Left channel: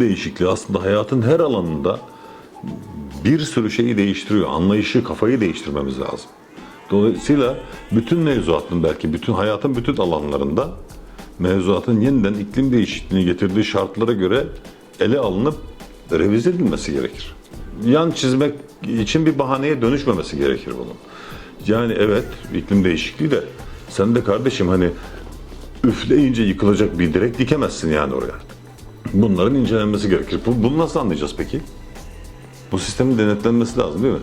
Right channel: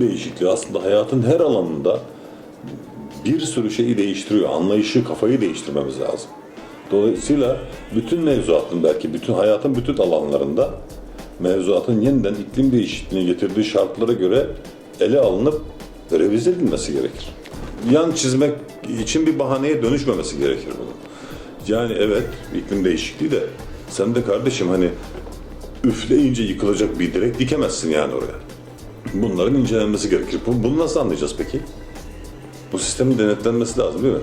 değişikliği aslında hayatın her alanında bir sürü şeyi değiştiriyor. Anlayışı, kafayı değiştirmemiz lazım. Dolayısıyla bütün mevzuatın belki bütün hayatın bütün alanlarında mevzuatın yeniden iklim değişikliğine getirdiği şartlara göre ele alınıp revize edilmesi gerekir. Yan çizmek için bir bahaneye dönüşmemesi gerekir bunun. Yani evet iklim değişikliği de sen de kardeşim hani üfleyince yıkılacak bir direk dikemezsin yani oraya. Bunların incelenmesi gerekir. Bu- Bunu nasıl anlayacağız peki? Bu sistemin denetlenmesi lazım değil mi?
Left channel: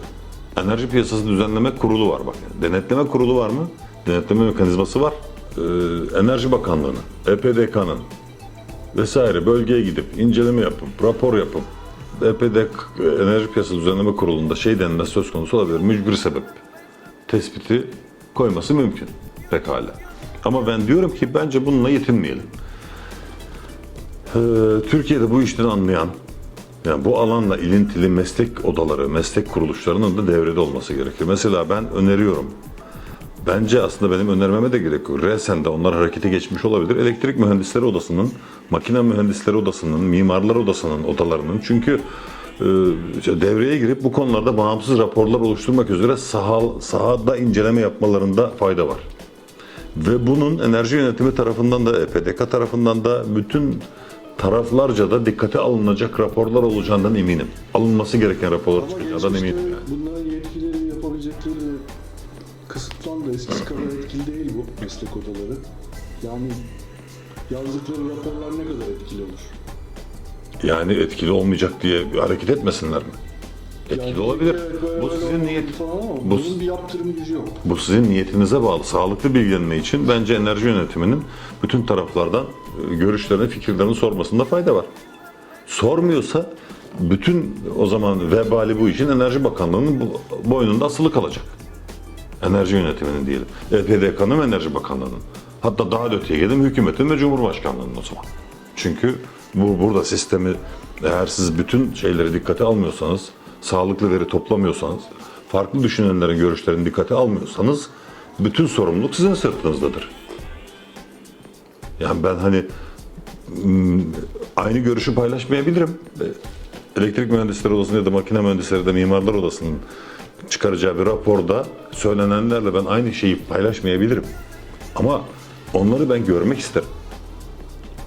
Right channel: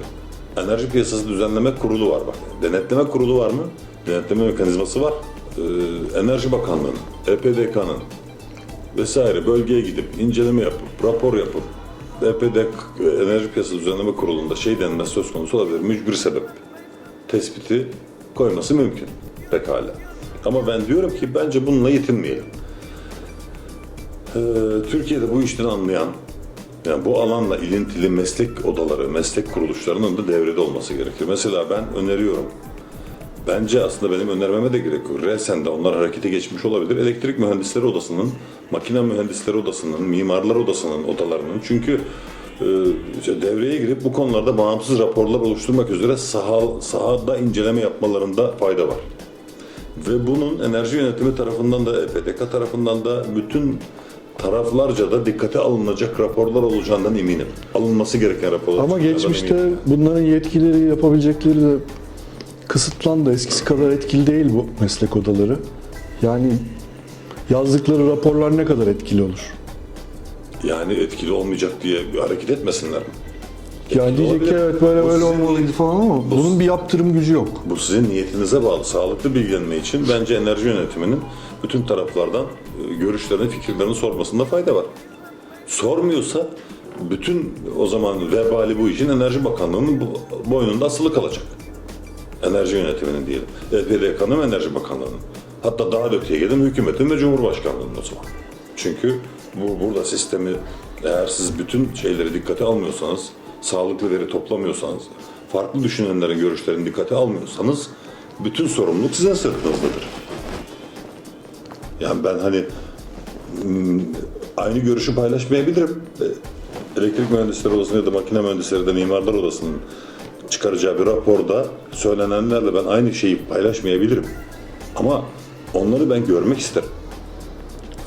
Enerji Piyasası Düzenleme Kurulu var bak. Denetleme kurulu var mı? Denetleme mekanizması var. Ee, Enerji Bakanlığı'nın, EPDK'nın vesaire bölgeye gidip inceleme yapıp, rapor yapıp EPD Enerji Piyasası Düzenleme Kurulu'nda şey denmesi söz konusu olabilir. Mücbir sebep tespiti koyması mümkün. Pekala. Ama ben diyorum ki bence bununla yetinmeyelim. Ee, Türkiye'de bu işten anlayan, yani bu alanla ilintili meslek odaları, meslek kuruluşlarının da devrede olması gerekir. Mesela ben öneriyorum. Bence aslında benim önermeme de gerek yok. Resen onlar harekete geçmiş olabilir. Elektrik mühendisleri odasının, makine mühendisleri odasının, mimarlar odasının odalarının çünkü e, devreye girip bu konularda bağımsız raporlar oluşturmak üzere saha, sahada inceleme yapmalarında fayda var. Ve bunun enerji yönetimi tarafından da EPDK tarafından da bütün taraflarca da dikkate alınacak raporlar olacağından eminim. Alınması gereken raporlar Ama geçmişte eminim. bunların yetkileri yapabilecekleri de kısıtlandı. Eskisi kadar etkili değil bu meslek odaları. Yani yazdıkları raporlar ne kadar etkili olur? Yani etkili olmayacak diye hareket etmesinler mi? Yani diyecek ki olabilir. evet böyle Bu böyle sizin niyet- falan ama bu- bunun bir yaptırım gücü yok. Bu sizin niyetinize bağlı. Sağlıklı bilgilenme için bence enerji yönetiminin bütün taraflardan e, görüşlerini, fikirlerini sormasında fayda var. Sormuyorsa bütün o zaman vebali bu işin Enerji Bakanlığı'nın bu- boynunda asılı kalacak. Enerji yönetiminin diyelim. EPDK'nın ve Enerji Bakanlığı'nın. Hatta daha da öteye gidelim hükümetin ve Cumhurbaşkanlığı'nın o zaman. Çünkü bu burada sistemi eğer siz bütün şeyleri dikkate almıyorsanız, sağlıklı veri toplamıyorsanız, farklı düşünenlerin görüşlerini dikkate almıyorsanız bütün sorumluluk sizin sırtınızdadır. Yani ben hani hmm, aynı görüşü paylaşmayabilirim. E, Elektrik mühendisleri odasında ya da makine mühendisleri de mimarlar odasının çıkaracağı bir raporda söylenenlerle ben aynı şeyi paylaşmayabilirim. Ama onları ben görmek isterim.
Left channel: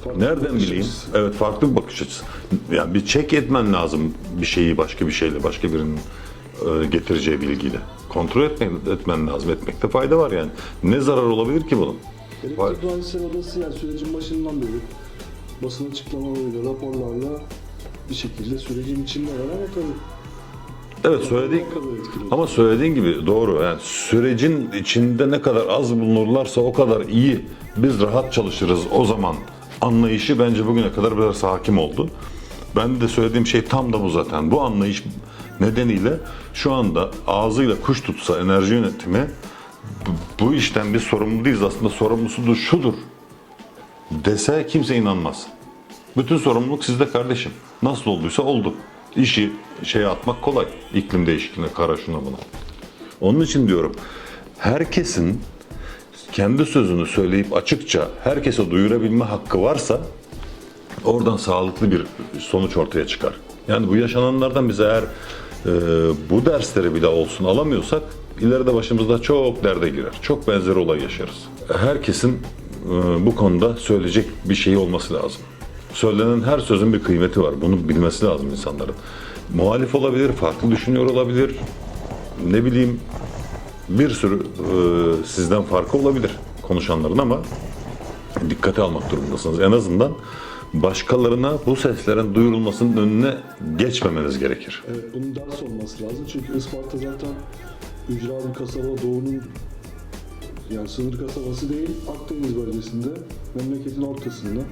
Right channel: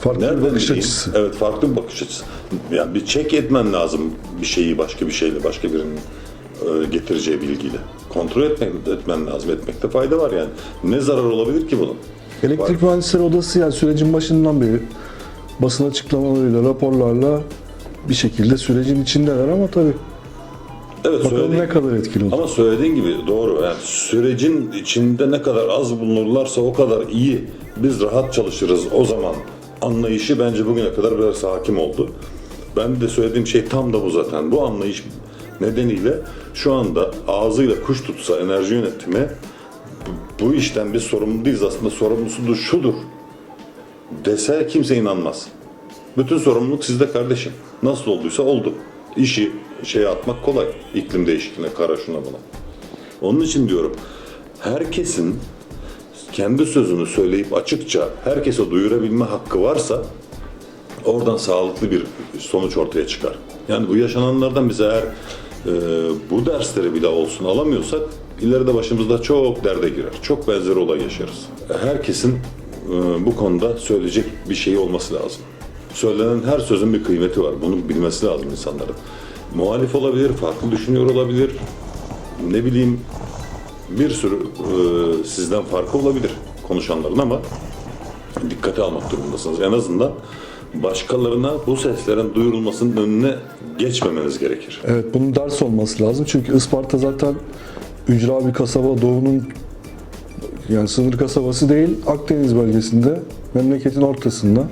Farklı Nereden bir bakış bileyim? açısı. Evet farklı bir bakış açısı. Yani bir çek etmen lazım bir şeyi başka bir şeyle, başka birinin e, getireceği bilgiyle. Kontrol etmen, etmen lazım. Etmekte fayda var yani. Ne zarar olabilir ki bunun? Elektrik mühendisleri odası yani sürecin başından beri basın açıklamalarıyla, raporlarla bir şekilde sürecin içindeler ama tabii Evet bakalım söylediğin, ne kadar etkili olur. ama söylediğin gibi doğru. Yani sürecin içinde ne kadar az bulunurlarsa o kadar iyi. Biz rahat çalışırız o zaman. Anlayışı bence bugüne kadar biraz hakim oldu. Ben de söylediğim şey tam da bu zaten. Bu anlayış nedeniyle şu anda ağzıyla kuş tutsa enerji yönetimi bu, işten biz sorumlu değiliz aslında sorumlusu da şudur dese kimse inanmaz. Bütün sorumluluk sizde kardeşim. Nasıl olduysa oldu. İşi şeye atmak kolay. İklim değişikliğine, kara şuna buna. Onun için diyorum herkesin kendi sözünü söyleyip açıkça herkese duyurabilme hakkı varsa oradan sağlıklı bir sonuç ortaya çıkar. Yani bu yaşananlardan biz eğer e, bu dersleri bile olsun alamıyorsak ileride başımızda çok derde girer. Çok benzer olay yaşarız. Herkesin e, bu konuda söyleyecek bir şey olması lazım. Söylenen her sözün bir kıymeti var. Bunu bilmesi lazım insanların. Muhalif olabilir, farklı düşünüyor olabilir. Ne bileyim bir sürü e, sizden farkı olabilir konuşanların ama dikkate almak durumundasınız. En azından başkalarına bu seslerin duyurulmasının önüne geçmemeniz gerekir. Evet bunun ders olması lazım çünkü Isparta zaten ücra bir kasaba doğunun yani sınır kasabası değil Akdeniz bölgesinde memleketin ortasında.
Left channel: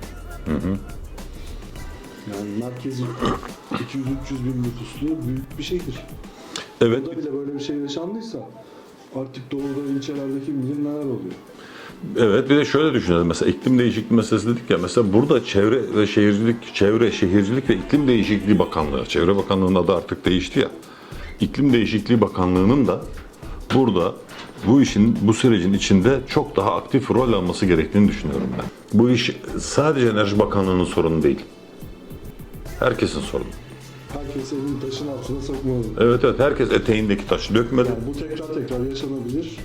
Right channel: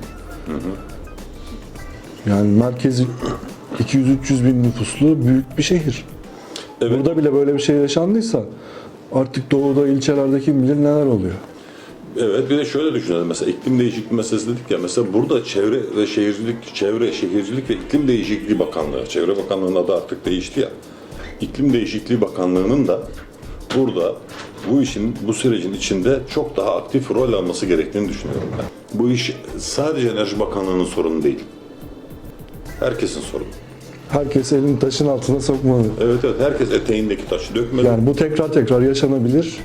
Yani merkezi 200-300 bin nüfuslu büyük bir şehir. Evet. Burada bile böyle bir şey yaşandıysa artık doğuda ilçelerde kim bilir neler oluyor. Evet bir de şöyle düşünelim mesela iklim değişikliği meselesi dedik ya mesela burada çevre ve şehircilik, çevre, şehircilik ve iklim değişikliği bakanlığı, çevre bakanlığının adı artık değişti ya. İklim değişikliği bakanlığının da burada bu işin, bu sürecin içinde çok daha aktif rol alması gerektiğini düşünüyorum ben. Bu iş sadece Enerji Bakanlığı'nın sorunu değil. Herkesin sorunu. Herkes elini taşın altına sokmalı. Evet evet herkes eteğindeki taşı dökmeli. Yani bu tekrar tekrar yaşanabilir.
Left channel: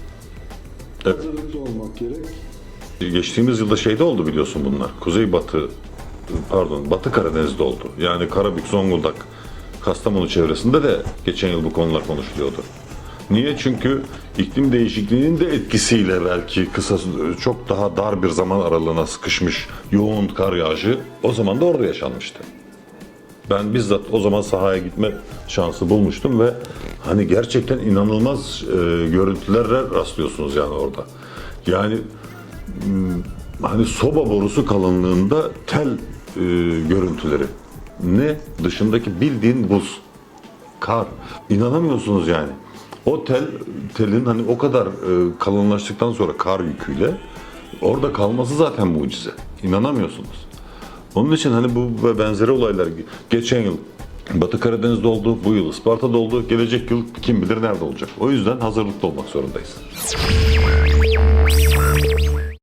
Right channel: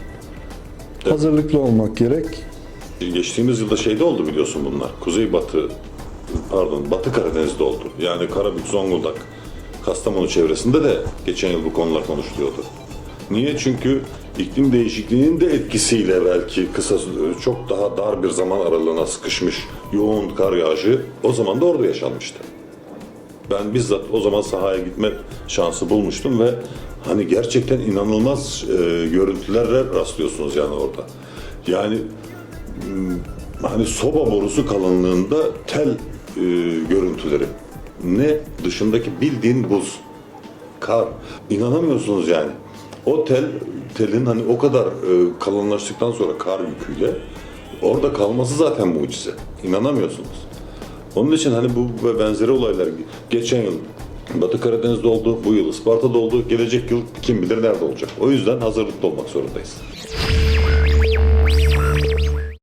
Evet. Hazırlıklı olmak gerek. Geçtiğimiz yılda şeyde oldu biliyorsun bunlar. Kuzeybatı, pardon Batı Karadeniz'de oldu. Yani Karabük, Zonguldak, Kastamonu çevresinde de geçen yıl bu konular konuşuluyordu. Niye? Çünkü iklim değişikliğinin de etkisiyle belki kısa çok daha dar bir zaman aralığına sıkışmış yoğun kar yağışı o zaman da orada yaşanmıştı. Ben bizzat o zaman sahaya gitme şansı bulmuştum ve hani gerçekten inanılmaz e, görüntülerle rastlıyorsunuz yani orada. Yani hani soba borusu kalınlığında tel e, görüntüleri. Ne? Dışındaki bildiğin buz. Kar. İnanamıyorsunuz yani. O tel, telin hani o kadar e, kalınlaştıktan sonra kar yüküyle orada kalması zaten mucize. İnanamıyorsunuz. Onun için hani bu ve benzeri olaylar geçen yıl Batı Karadeniz'de oldu, bu yıl Isparta'da oldu, gelecek yıl kim bilir nerede olacak. O yüzden hazırlıklı olmak zorundayız.